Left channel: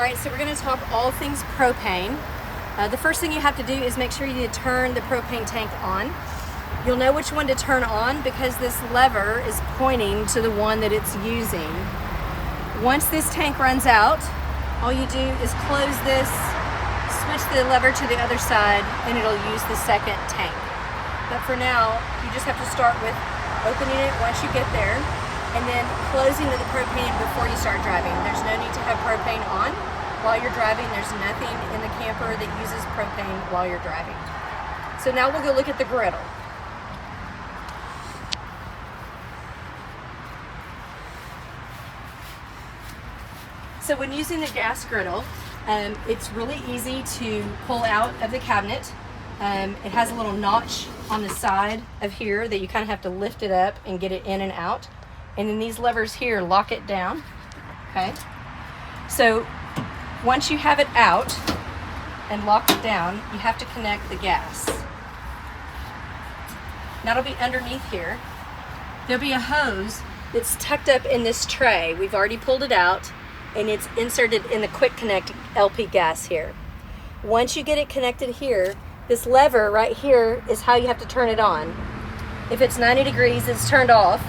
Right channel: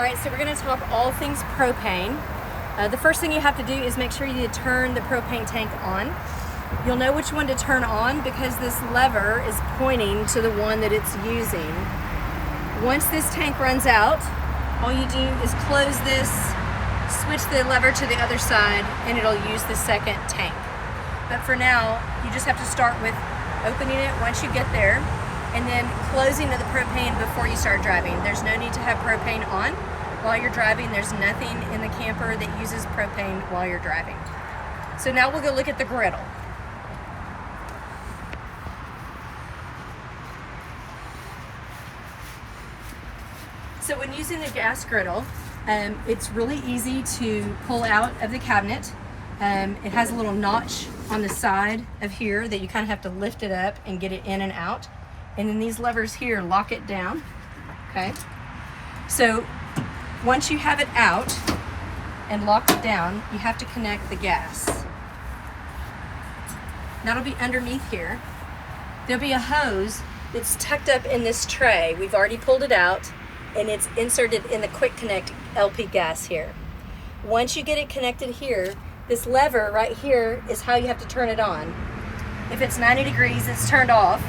Alright, so we're going to talk all things propane. The first thing you have to do is make sure you turn the propane tank on. You'll know which one to turn on because this lever is pointing to the one that it's using. Once this tank runs out, all you do is close this, switch the lever to the other side, and it'll use the second tank. But for now, you just have to start with opening it once you get there, and then closing the propane before you start driving. There's no need to have propane on while you're driving. There's nothing in the camper that uses propane while you're driving. So now we'll go look at the griddle. So when using the gas griddle, it's really easy to pull out of the cabinet. It has a little notch on the side of here that you kind of have to lift it up and get it in and out. And then these levers here lock it down, okay? So once you have it out and locked it down, you have to connect the gas. That'll be underneath here. There'll be a hose that's tucked up in this tray. We've already pulled it out, and it's inserted in the quick connect LP gas here. Once you get it connected here, this lever right here is how you have to turn it on. If it's 90 degrees, it's turned off.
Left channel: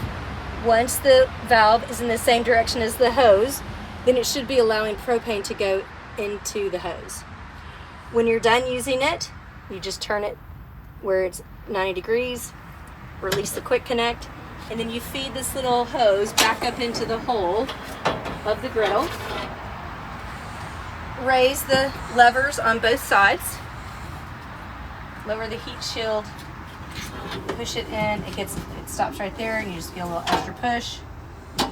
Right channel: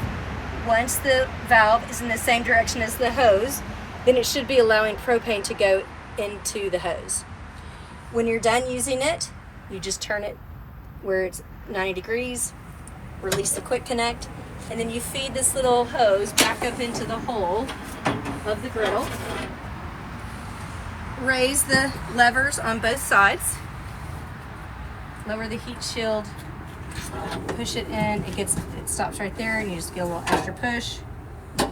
Once the valve is in the same direction as the hose, then it should be allowing propane to go into the hose. When you're done using it, you just turn it where it's 90 degrees, release the quick connect, and then you feed this little hose back up into the hole of the griddle. Raise the levers on both sides. Lower the heat shield, push it in, it stops right there, and you just get a little extra push.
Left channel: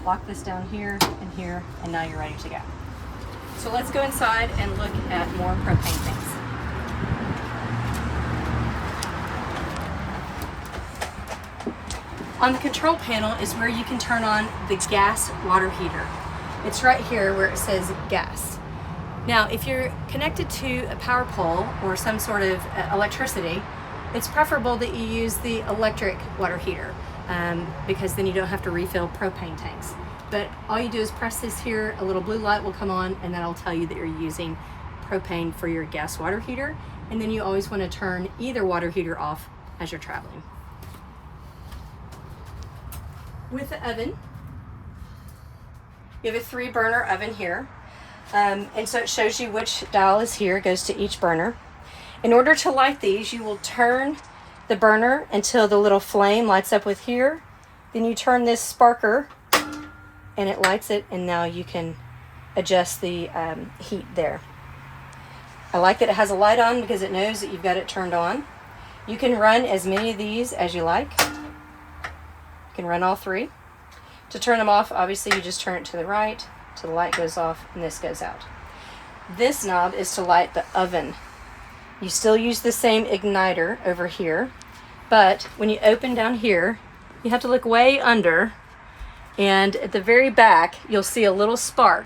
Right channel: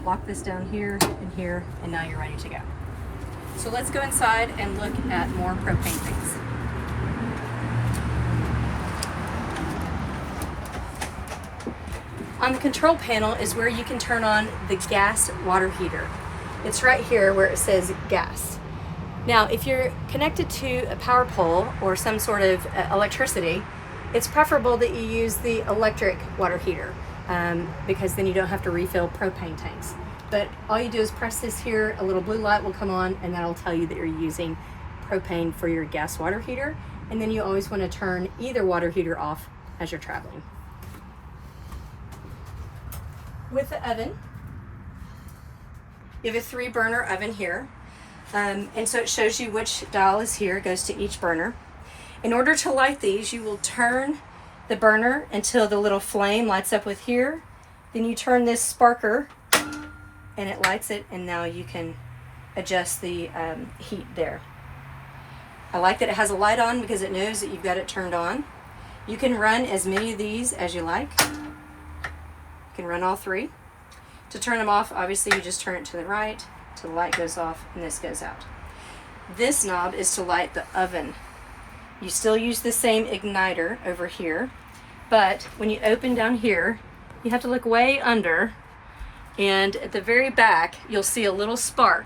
Lock this down here, and now you're ready to go. So let's go inside and look at more propane tanks. On the control panel is where you can turn on the gas water heater. It's right here where it says gas. Now, if you're connected to a power pole or some sort of electricity, it's preferable that you use the electric water heater because then you don't have to refill propane tanks. But all you do is press this here, a little blue light will come on, and that'll tell you that you're using propane for your gas water heater. And then you always want to turn either water heater off as you're traveling. With the oven, you have a 3-burner oven here. And so it shows you which dial is here, it goes to each burner. In order to light these, you will turn the burner until the little flame lights up with here. Then you turn this sparker and it lights it, and now you can adjust the heat there. I like that it has a light on because it knows that you've got it turned on. You can run as many of these as you like. You can run all 3. To turn them off, obviously you just turn it to the right till the light goes off and this goes out. This knob is to light the oven. You still use the same igniter over here, but when you open down here, you have to look way under, and at the very back you'll see a little spark.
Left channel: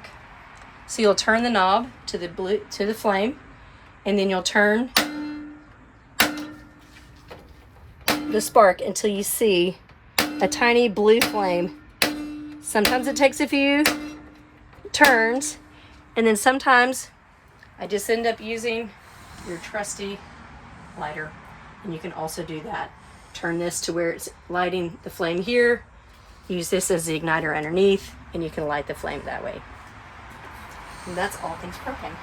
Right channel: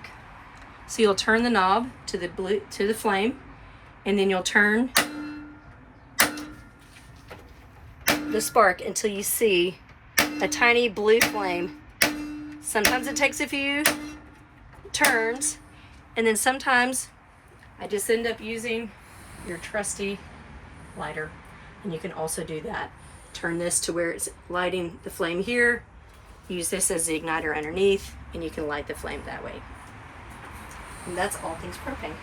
So you'll turn the knob to the flame, and then you'll turn the spark until you see a tiny blue flame. Sometimes it takes a few turns, and then sometimes I just end up using your trusty lighter, and you can also do that. Turn this to where it's lighting the flame here, use this as the igniter underneath, and you can light the flame that way. And that's all things propane.